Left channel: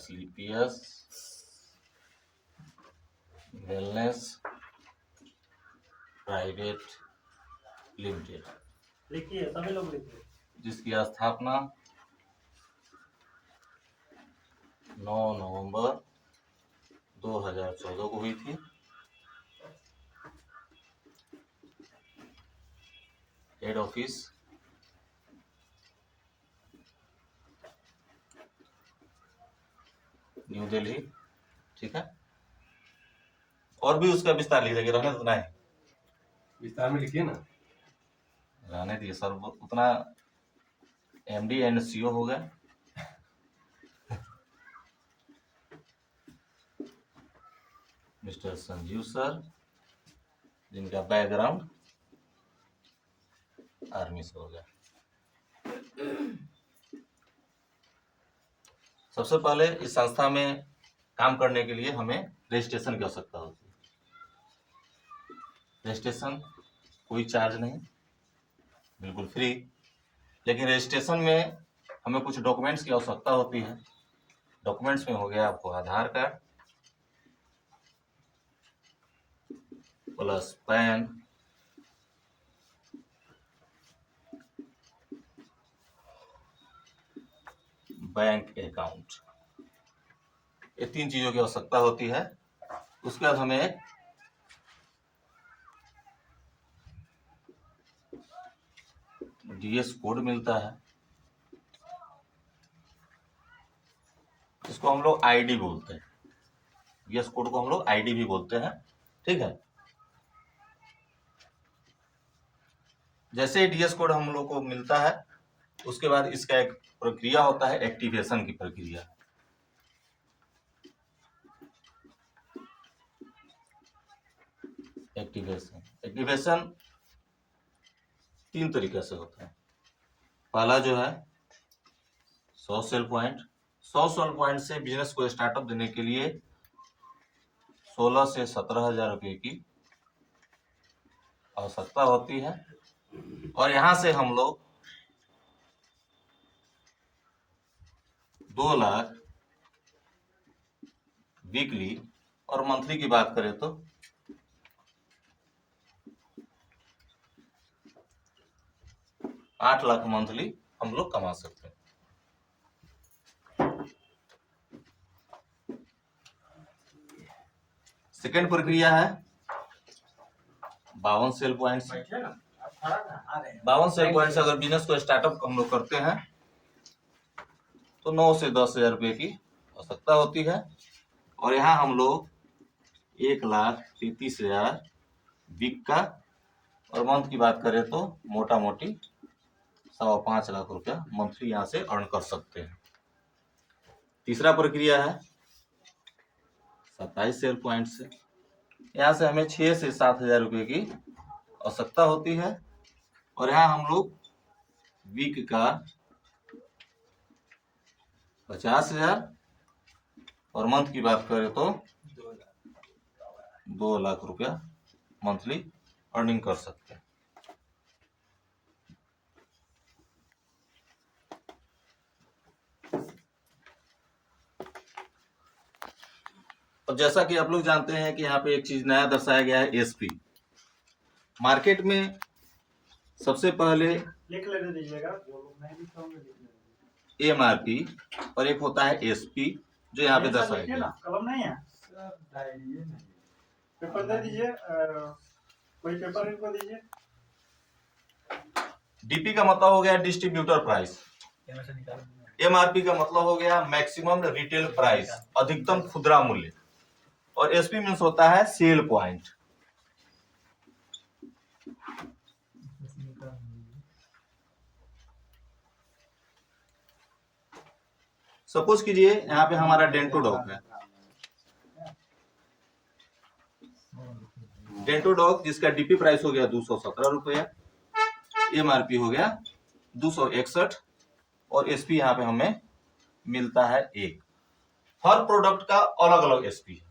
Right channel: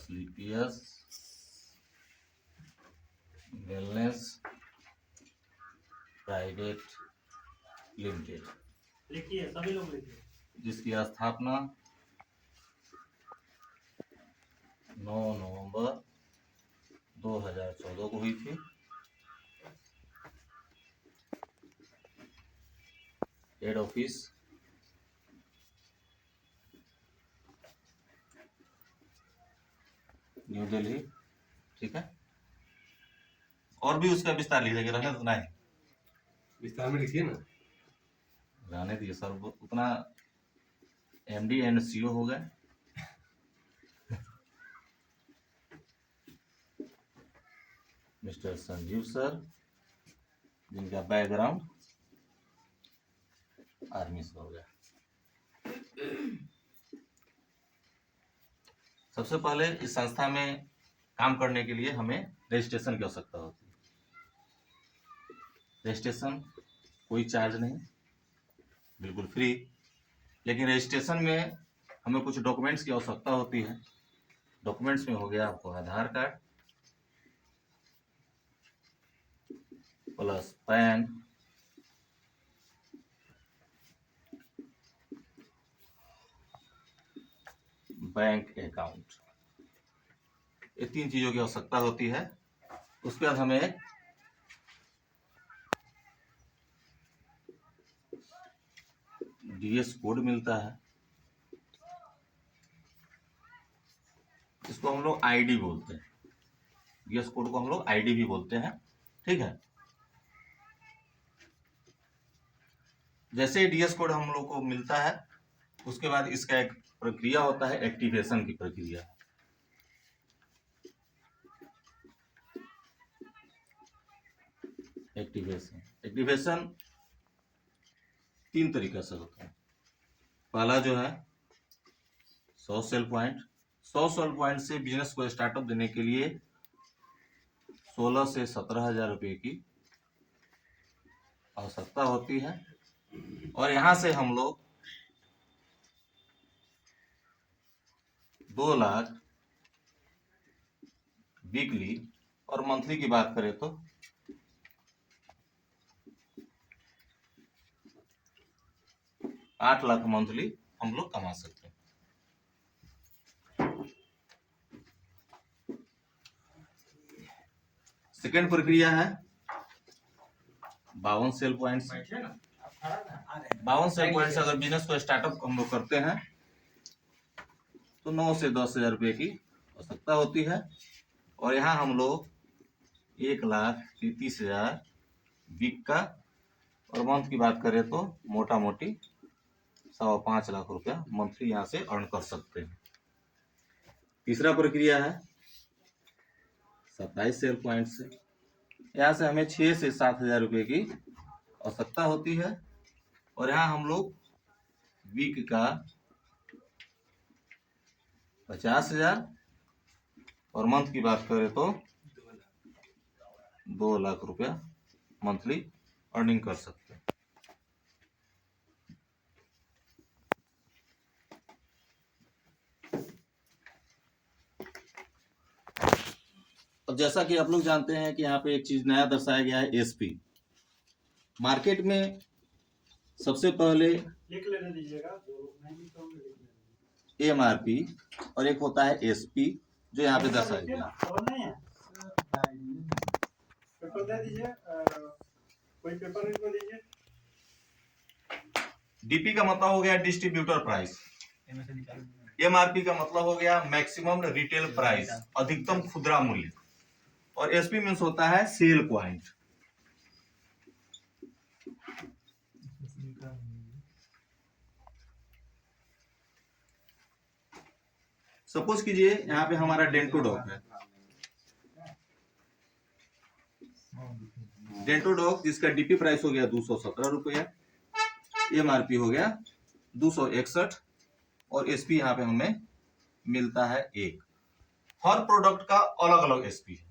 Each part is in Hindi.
स्लीपियस वेलनेस प्राइवेट लिमिटेड, लिखिए सभी लोग लिखिए। जिसकी स्थापना 9 नवंबर 2014 को हुई थी। Head office new Delhi. ठीक है, और भी उसका विस्तार लिख देंगे, रहने उतना ही विस्तार में लिखिए ना, रहने दिए सर, उतना एमडी एंड सीओ हो गए। मिस्टर संजीव सर, जिनका बैकग्राउंड आर्मी से हो गया। सबसे पहले इस संस्था में काम करने के लिए हमें रजिस्ट्रेशन की आवश्यकता होती है। रजिस्ट्रेशन कोई चार्ज नहीं, बिल्कुल फ्री। लेकिन रजिस्ट्रेशन में हमें कुछ डॉक्यूमेंट्स की आवश्यकता होती है। डॉक्यूमेंट्स में हो गया आपको Aadhaar card plus PAN, bank account, ये 3 चीजों की आवश्यकता होती है। उसके बाद हमें डीएस कोड मिलता है, इसको हम लोग आईडी बोलते हैं। डीएस कोड को हम लोग आईडी भी बोलते हैं। ठीक है, जैसे डीएस कोड हम लोग को मिलता है, उसके बाद इसका एक प्रक्रिया होता है, एक्टिवेशन की प्रक्रिया। एक्टिवेशन 3 तरीके से होता है। पहला जो है 100 सेल पॉइंट। 100 सेल पॉइंट से बिजनेस को स्टार्टअप देने के लिए 16 से 17,000 रुपये की आवश्यकता होती है। और यहां से हम लोग 2 लाख वीकली और मंथली की बात करें तो 8 लाख मंथली हम लोग कमा सकते हैं। सेकेंड प्रक्रिया है 52 सेल पॉइंट। 52 सेल पॉइंट से अगर बिजनेस को स्टार्टअप हम लोग करते हैं तो 9 से 10,000 रुपये की आवश्यकता होती है। और यहाँ हम लोग 1,33,000 वीक का, और मंथ की बात करें तो मोटा मोटी 5.25 लाख रुपया मंथली यहाँ से अर्न कर सकते हैं। तीसरा प्रक्रिया है 27 सेल पॉइंट से। यहाँ से हमें 6 से 7,000 रुपये की आवश्यकता होती है। और यहाँ हम लोग वीक का 50,000 और मंथ की बात करें तो 2 लाख रुपया मंथली अर्निंग कर सकते हैं। अब जैसा कि आप लोग जानते हैं कि यहाँ पे एक चीज नया दर्शाया गया है, एसपी। मार्केट में सबसे पहले लिख लेने दीजिएगा, जो लोग नहीं लिख पाएंगे लिख लेंगे। एमआरपी और एक होता है एसपी, जो यहाँ पे दर्शाया लिखिए गया ना, कलम नहीं है, पेपर दे दीजिए, कोई पेपर इनको दीजिए। डीपी का मतलब हो गया डिस्ट्रीब्यूटर प्राइस, एमआरपी का मतलब हो गया मैक्सिमम रिटेल प्राइस, अधिकतम खुदरा मूल्य, और एसपी मीन्स होता है सेल पॉइंट। सपोज कीजिए यहाँ पे हमारा डेंटोडॉक है। डेंटोडॉक जिसका डीपी प्राइस हो गया 217 रुपया, एमआरपी हो गया 261, और एसपी यहाँ पे हमें मिलता है 1। हर प्रोडक्ट का अलग अलग एसपी है।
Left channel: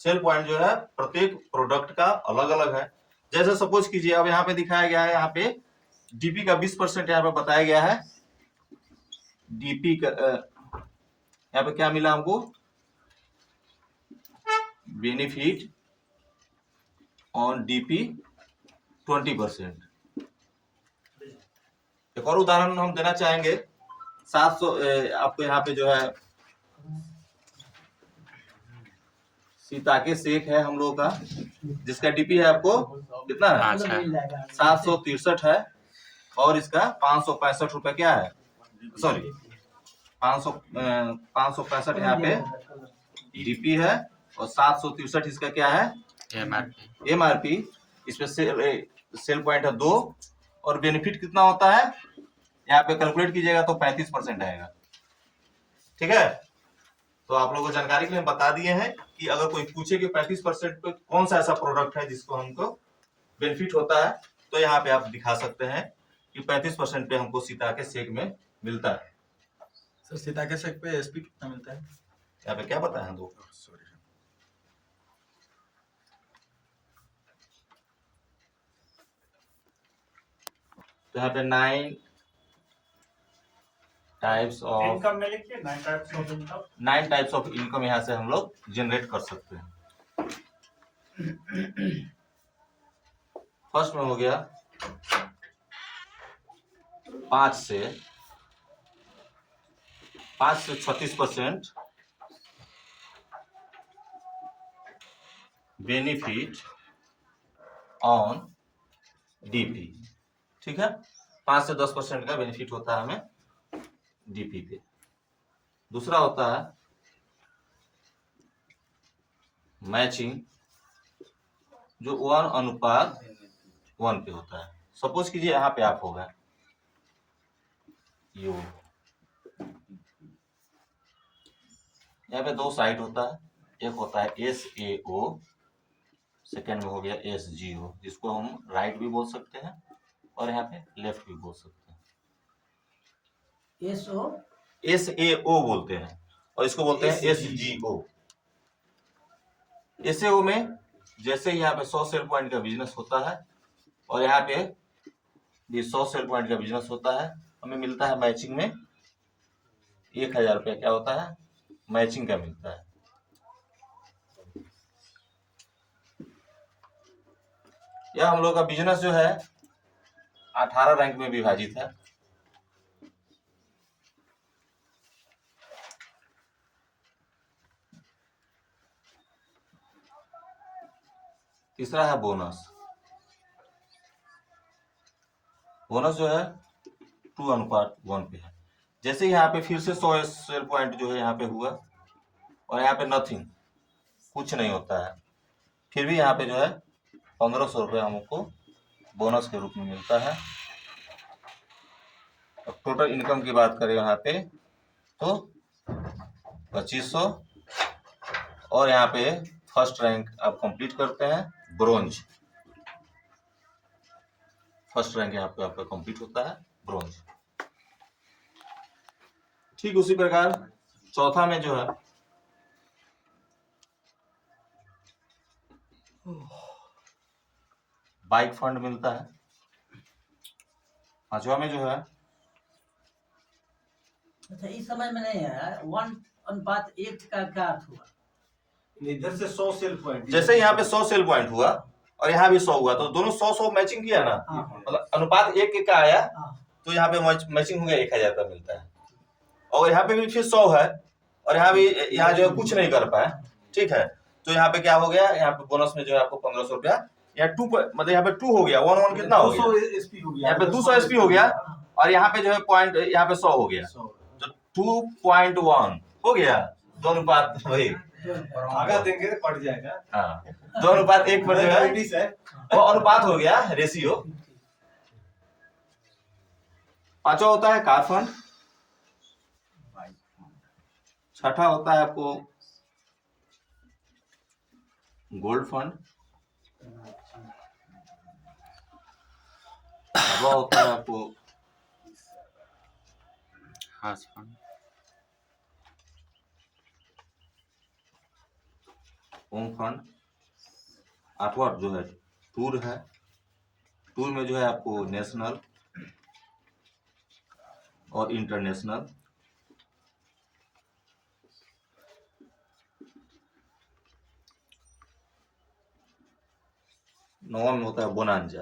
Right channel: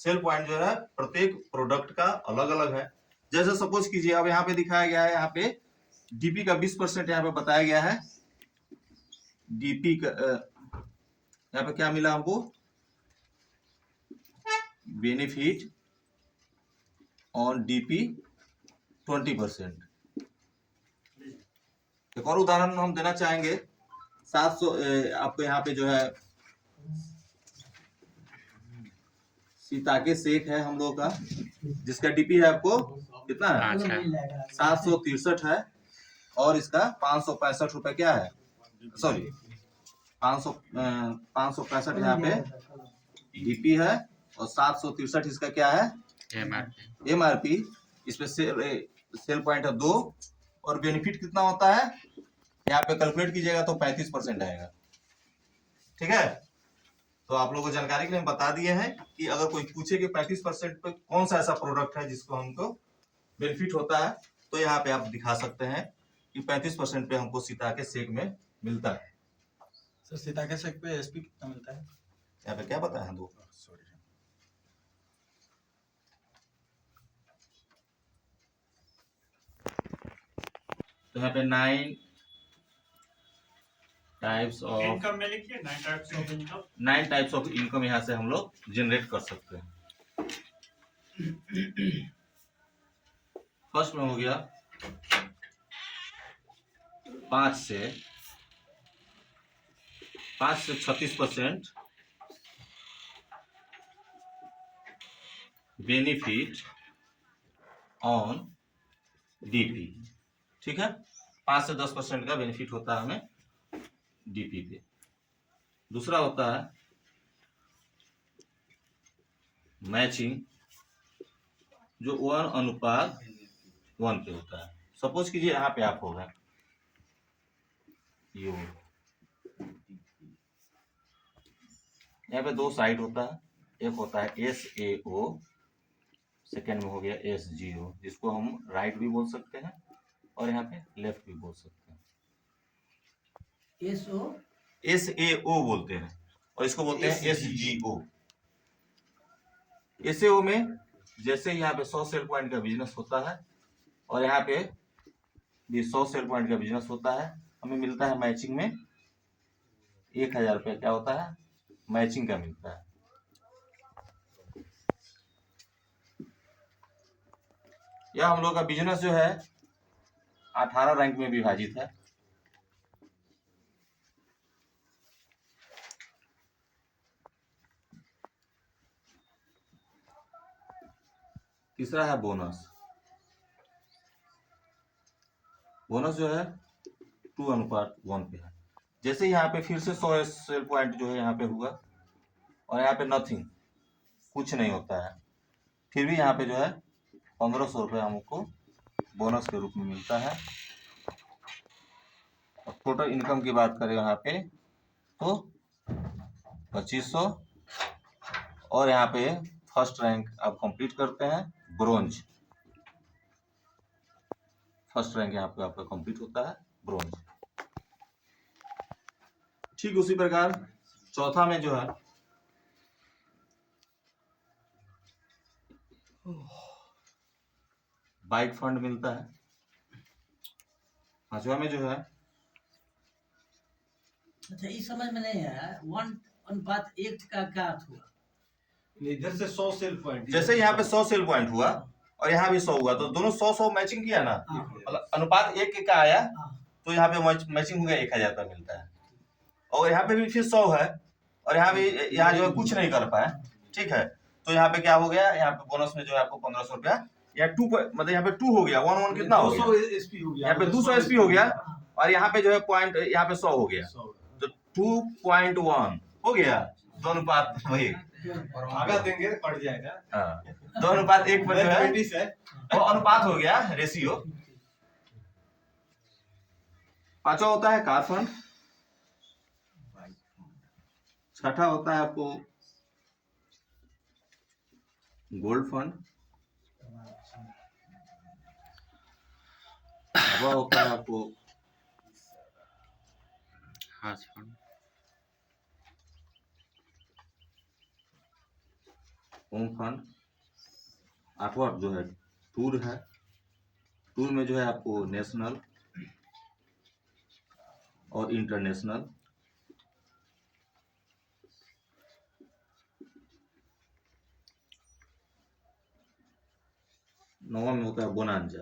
सेल पॉइंट जो है प्रत्येक प्रोडक्ट का अलग अलग है। जैसे सपोज कीजिए अब यहाँ पे दिखाया गया है, यहाँ पे डीपी का 20% यहाँ पे बताया गया है। डीपी का यहाँ पे क्या मिला हमको, बेनिफिट ऑन डीपी 20%। एक और उदाहरण हम देना चाहेंगे, 700 आपको यहाँ पे जो है सीताके शेख है हम लोग का, जिसका डीपी है आपको कितना है, 763 है, और इसका 565 रुपए क्या है, सॉरी 565 यहाँ पे डीपी है, और 763 इसका क्या है, एमआरपी। इसमें सेल पॉइंट है 2, और बेनिफिट कितना होता है यहाँ पे कैलकुलेट कीजिएगा तो 35% आएगा। ठीक है, तो आप लोगों को जानकारी के लिए बता दिए हैं कि अगर कोई पूछे कि 35% पे कौन सा ऐसा प्रोडक्ट है जिसको हमको बेनिफिट होता है, तो यहाँ पे आप दिखा सकते हैं कि 35% पे हमको सीताके शेक में मिलता है। सर सीताके शेक पे एसपी कितना मिलता है? यहाँ पे क्या बताया है, दो तो यहाँ पे 9 टाइप्स ऑफ इनकम में लिखिए 9 types of income. 9 types of income यहाँ से हम लोग जनरेट कर सकते हैं। फर्स्ट में हो गया 5 से 36% बेनिफिट ऑन डीपी। ठीक है, 5 से 10% का बेनिफिट होता है हमें डीपी पे। दूसरा होता है मैचिंग, जो 1:1 पे होता है। सपोज कीजिए यहाँ पे आप होगा ये वो, यहाँ पे 2 साइड होता है, एक होता है SAO, सेकेंड में हो गया SGO, जिसको हम राइट भी बोल सकते हैं और यहाँ पे लेफ्ट भी बोल सकते हैं। SAO बोलते हैं, और इसको बोलते हैं SGO। SAO में जैसे यहाँ पे 100 सेल पॉइंट का बिजनेस होता है, और यहाँ पे भी 100 सेल पॉइंट का बिजनेस होता है, हमें मिलता है मैचिंग में 1000 रुपया क्या होता है, मैचिंग का मिलता है। यह हम लोग का बिजनेस जो है 18 रैंक में विभाजित है। तीसरा है बोनस। बोनस जो है 2:1 पे है। जैसे यहाँ पे फिर से 100 सेल पॉइंट जो है यहाँ पे हुआ, और यहाँ पे नथिंग, कुछ नहीं होता है, फिर भी यहाँ पे जो है 1500 रुपये हमको बोनस के रूप में मिलता है। और टोटल इनकम की बात करें यहाँ पे तो 2500, और यहाँ पे फर्स्ट रैंक आप कंप्लीट करते हैं ब्रोंज। फर्स्ट रैंक यहाँ पे आपका कंप्लीट होता है ब्रोंज। ठीक उसी प्रकार चौथा में जो है बाइक फंड मिलता है। पांचवा में जो है, अच्छा इस समय में नहीं है 1:1 का क्या अर्थ हुआ? इधर से 100 सेल पॉइंट, जैसे यहाँ पे 100 सेल पॉइंट हुआ और यहाँ भी 100 हुआ, तो दोनों 100 मैचिंग किया ना, हाँ। मतलब अनुपात 1 का आया, हाँ। तो यहाँ पे मैचिंग हो गया, 1000 का मिलता है। और यहाँ पे भी फिर 100 है, और यहाँ भी यहाँ जो है कुछ नहीं कर पाया, ठीक है, तो यहाँ पे क्या हो गया, यहाँ पे बोनस में जो है आपको 1500 रुपया, यहाँ 2 मतलब यहाँ पे 2 हो गया, 1:1 कितना हो गया, 200 एसपी हो गया, यहाँ पे 200 एसपी हो गया, और यहाँ पे जो है पॉइंट यहाँ पे 100 हो गया, तो 2.1 हो गया, 2:1। आगा देंगे पड़ जाएगा। हाँ, 2:1 पर जो है वो अनुपात हो गया, रेशियो। पांचवा होता है कार फंड। छठा होता है आपको गोल्ड फंड। सातवां होता है आपको हाउस फंड। Home fund. आठवां जो है टूर है। टूर में जो है आपको नेशनल और इंटरनेशनल। 9वां में होता है बोनांजा।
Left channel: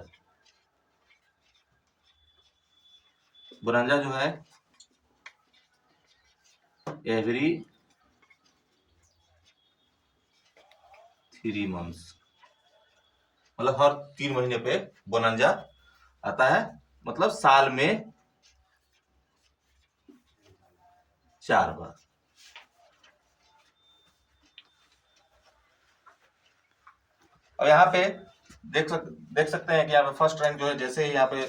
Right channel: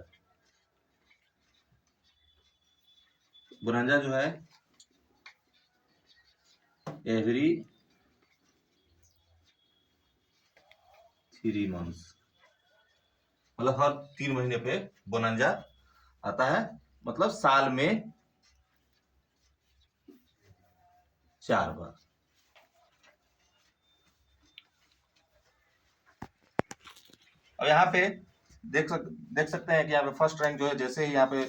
बोनांजा जो है एवरी 3 मंथ्स, मतलब हर 3 महीने पे बोनांजा आता है, मतलब साल में 4 बार। और यहाँ पे देख सकते हैं कि यहाँ पे फर्स्ट रैंक जो है, जैसे ही यहाँ पे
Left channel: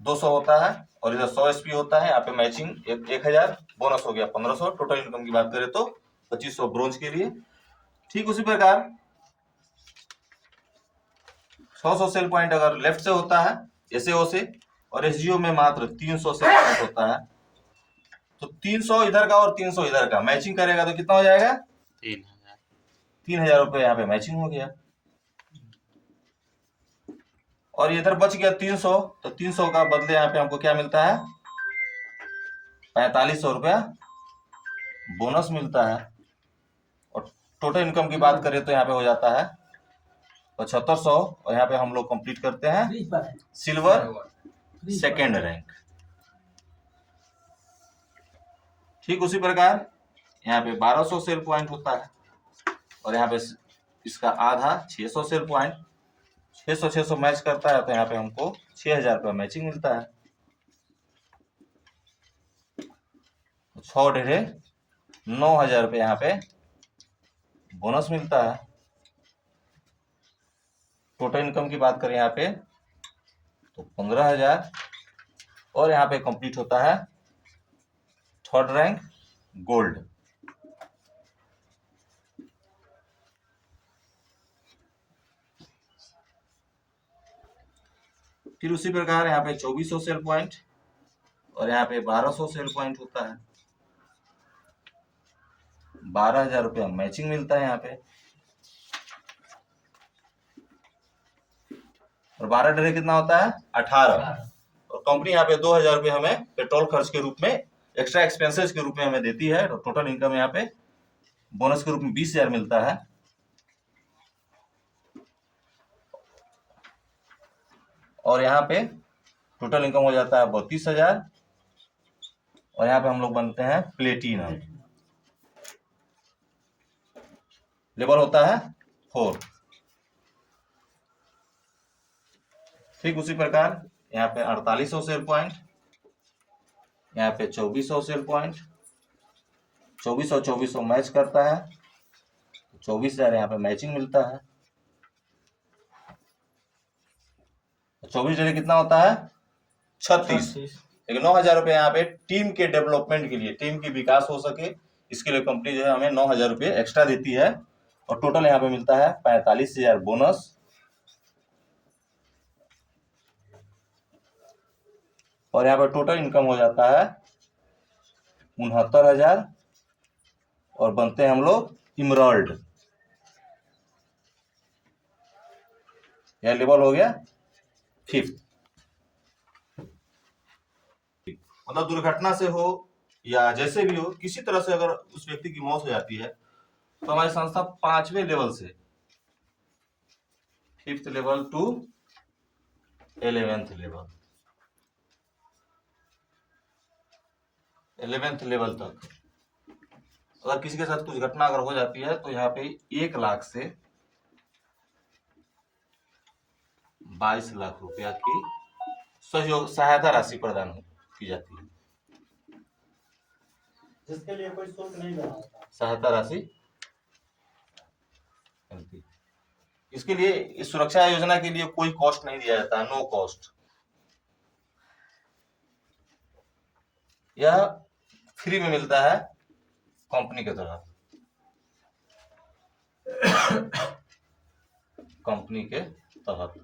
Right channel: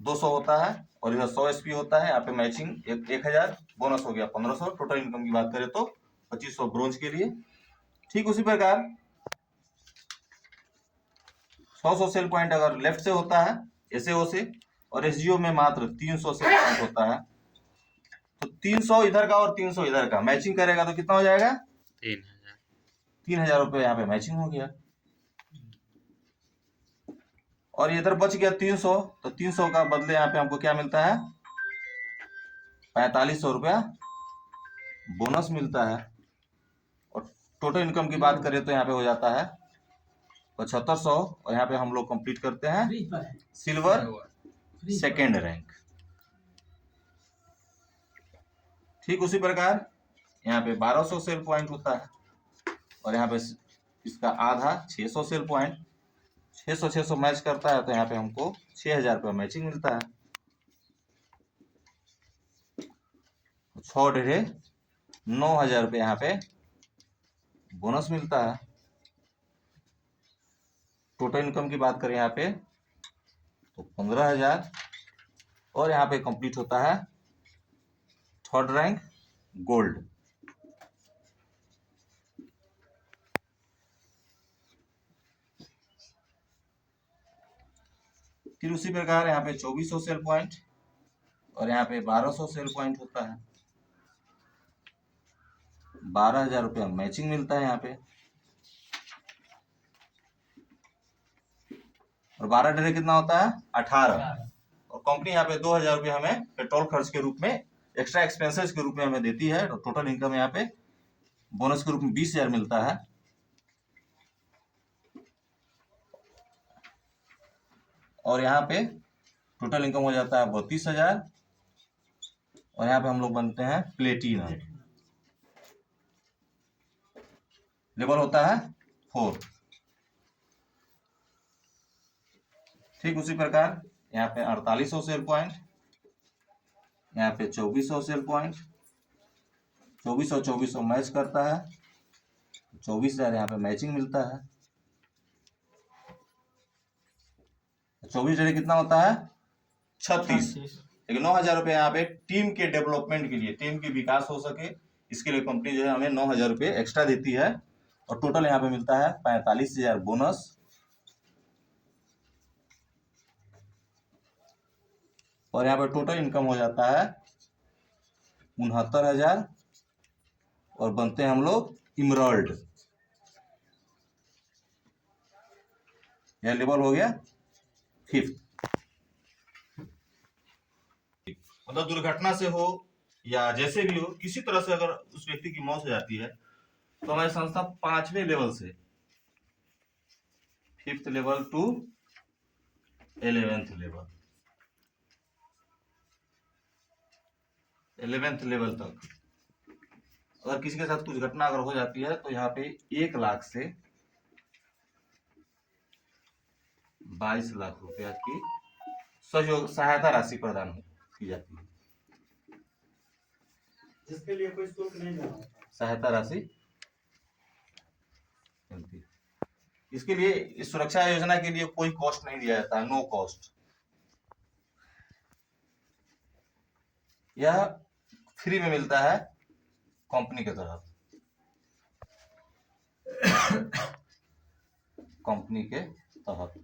200 होता है और इधर 100 एसपी होता है, यहाँ पे मैचिंग 1000, बोनस हो गया 1500। टोटल इनकम की बात करें तो 2500 ब्रोंज के लिए। ठीक उसी प्रकार 100 सेल पॉइंट अगर लेफ्ट से होता है एसएओ से, और एसजीओ में मात्र 300 सेल पॉइंट होता है, तो 300 इधर का और 300 इधर का मैचिंग करेगा तो कितना हो जाएगा? 3000 रुपये यहाँ पे मैचिंग हो गया। और इधर बच गया 300, तो 300 का बदले यहाँ पे हमको क्या मिलता है? 4500 रुपया बोनस मिलता है। और टोटल इनकम की बात करें तो यहाँ पे हो जाता है 7500, और यहाँ पे हम लोग कंप्लीट करते हैं सिल्वर सेकेंड रैंक। ठीक उसी प्रकार यहाँ पे 1200 सेल पॉइंट होता है, और यहाँ पे इसका आधा 600 सेल पॉइंट, 600 मैच करता है, तो यहाँ पे हमको 6000 रुपया मैचिंग मिलता है। 6 डेढ़े 9000 रुपये यहाँ पे बोनस मिलता है। टोटल इनकम की बात करें यहाँ पे तो 15000, और यहाँ पे कंप्लीट होता है थर्ड रैंक गोल्ड। फिर उसी प्रकार यहाँ पे 2400 सेल पॉइंट, और यहाँ पे 1200 सेल पॉइंट होता है, 12000 रुपया मैचिंग मिलता है यहाँ पे। और 12 डरे कितना होता है? 18। और कंपनी यहाँ पे 2000 रुपये हमें पेट्रोल खर्च के रूप में, एक्स्ट्रा एक्सपेंसेस के रूप में हमें देती है। तो टोटल इनकम यहाँ पे बोनस के रूप में 20000 मिलता है। और यहाँ पे टोटल इनकम हो जाता है 32000, और यहाँ पे हम लोग बनते हैं प्लेटिनम। लेवल होता है 4। ठीक उसी प्रकार यहाँ पे 4800 सेल पॉइंट, यहाँ पे 2400 सेल पॉइंट, 2400 मैच करता है, 24000 यहाँ पे मैचिंग मिलता है। 24 डे कितना होता है? 36। लेकिन 9000 रुपये यहाँ पे टीम के डेवलपमेंट के लिए, टीम की विकास हो सके, इसके लिए कंपनी जो है हमें 9000 रुपये एक्स्ट्रा देती है। और टोटल यहाँ पे मिलता है 45000 बोनस। और यहाँ पर टोटल इनकम हो जाता है 69000, और बनते हैं हम लोग इमराल्ड। यह लेवल हो गया 5th। मतलब दुर्घटना से हो या जैसे भी हो, किसी तरह से अगर उस व्यक्ति की मौत हो जाती है, तो हमारी संस्था 5वें लेवल से 5th level two 11th level, 11th level तक अगर किसी के साथ कुछ घटना अगर हो जाती है, तो यहाँ पे 1 लाख से 22 लाख रुपया की सहयोग सहायता राशि प्रदान की जाती है। जिसके लिए कोई शुल्क नहीं देना होता। सहायता राशि मिलती है। इसके लिए, इस सुरक्षा योजना के लिए कोई कॉस्ट नहीं दिया जाता, नो कॉस्ट। यह फ्री में मिलता है कंपनी के तरफ, कंपनी के तहत।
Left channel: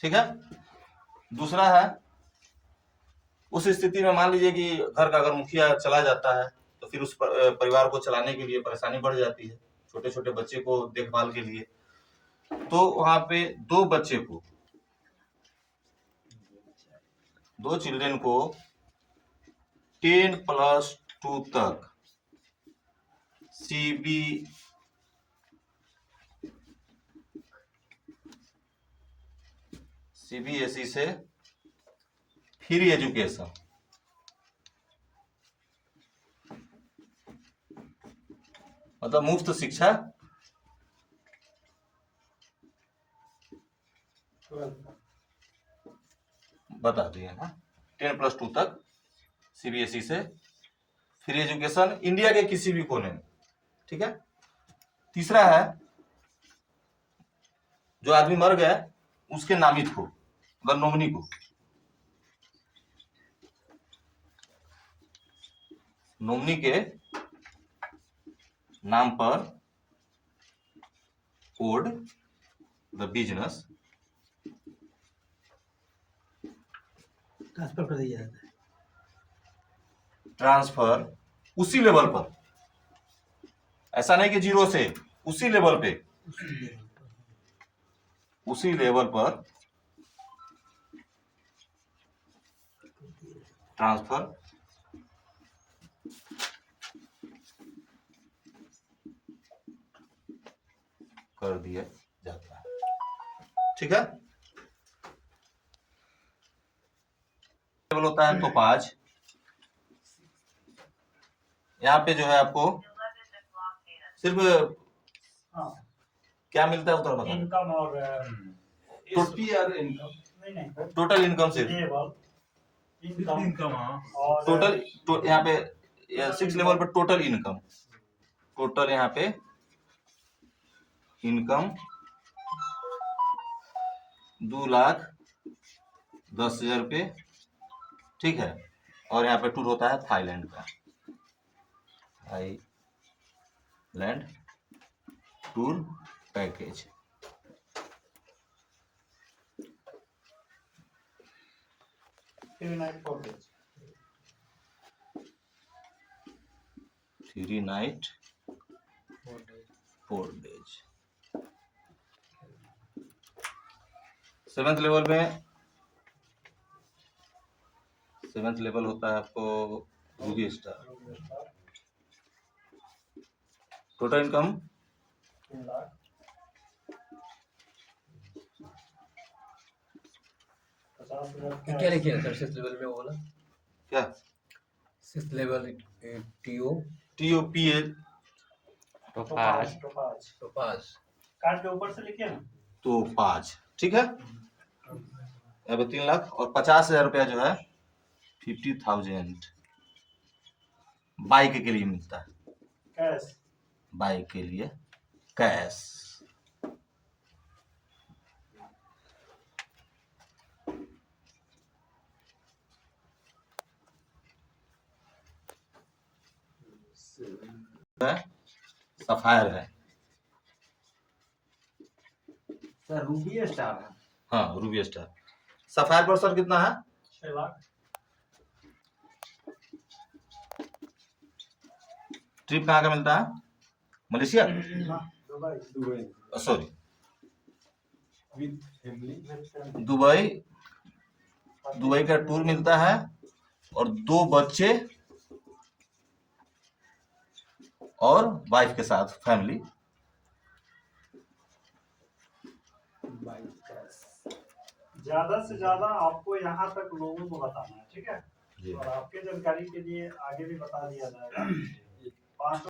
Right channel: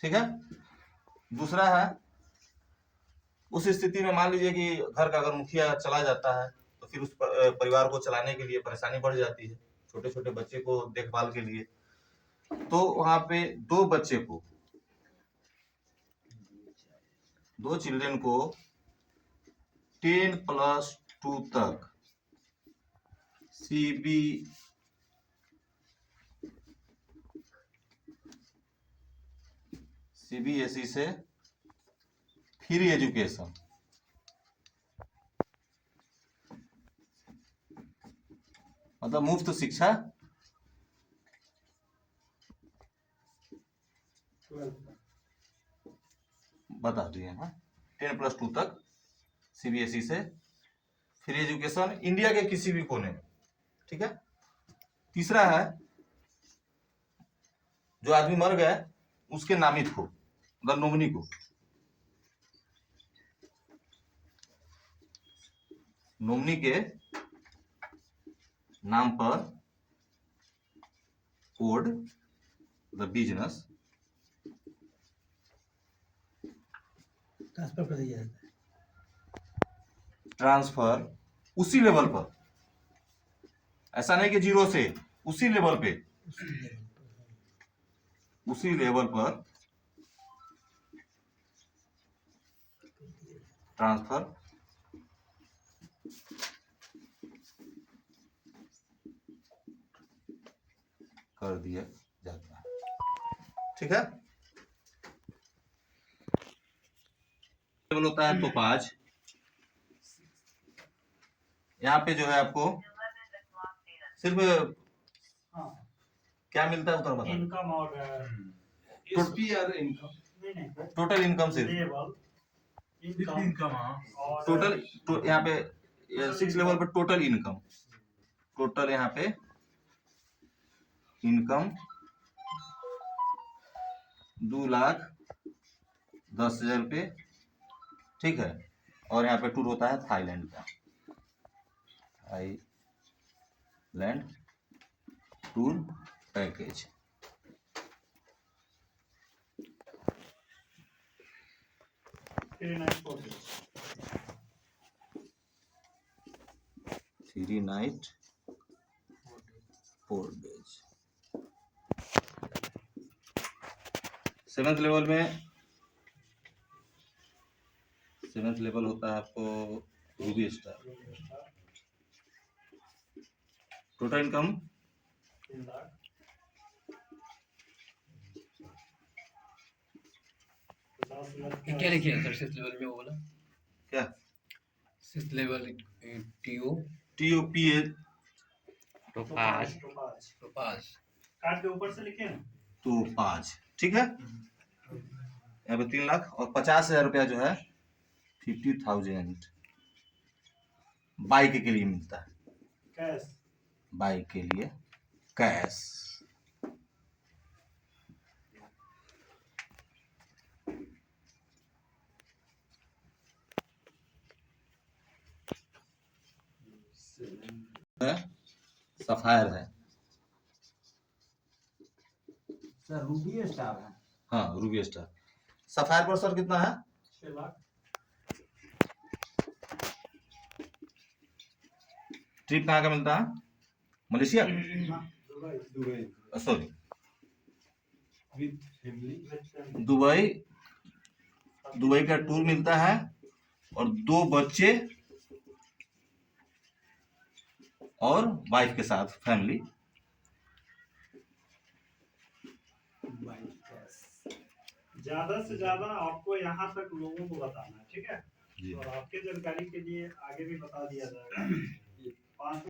ठीक है। दूसरा है, उस स्थिति में मान लीजिए कि घर का अगर मुखिया चला जाता है, तो फिर उस परिवार को चलाने के लिए परेशानी बढ़ जाती है, छोटे छोटे बच्चे को देखभाल के लिए। तो वहां पे 2 बच्चे को, 2 चिल्ड्रन को 10+2 तक सीबीएसई से फ्री एजुकेशन, मतलब मुफ्त शिक्षा बता दिए ना, 10+2 तक सीबीएसई से फ्री एजुकेशन इंडिया के किसी भी कोने में, ठीक है। तीसरा है जो आदमी मर गया उसके नामित को, अगर नॉमिनी को, नॉमिनी के नाम पर कोड द बिजनेस ट्रांसफर कर दिया जाता है। ट्रांसफर उसी लेवल पर, ऐसा नहीं कि 0 से, उसी लेवल पे, उसी लेवल पर ट्रांसफर कर दिया जाता है, ठीक है। लेवल होता है टोपाज, यहाँ पे जो है आपको सिर्फ हाँ क्या मिलता है उधर बताओ, इनकम और एसपी और इनकम, नहीं टोटल इनकम सिर्फ, लेवल इनकम इनकम, हाँ, और टोटल यहाँ पे 6 लेवल पे टोटल इनकम, टोटल यहाँ पे इनकम 2,10,000 रुपये, ठीक है। और यहाँ पे टूर होता है थाईलैंड का, Thailand tour package, three night 4 days. 7th level में, 7th लेवल होता है आपको Ruby star, total income 3 lakh 50,000 क्या लिखे हैं सर 6th लेवल में? वो बोला क्या 6th लेवल टीओ TOPA तो पाँच तो पास कार्ड के ऊपर से लिखिए ना। तो 5, ठीक है। यहाँ पे 3 लाख और 50,000 रुपया जो है 50,000 बाइक के लिए मिलता है, कैश बाइक के लिए कैश। सफायर है, सर रूबी स्टार है। हाँ रूबी स्टार। सफायर पर सर कितना है? 6 लाख। ट्रिप कहाँ का मिलता है? Malaysia, Dubai sorry with family, Dubai, Dubai का टूर मिलता है और 2 बच्चे और वाइफ के साथ फैमिली। ज्यादा से ज्यादा आपको यहाँ तक लोगों को बताना है, ठीक है। जी। और आपके जानकारी के लिए आगे भी बता दिया जाएगा। 5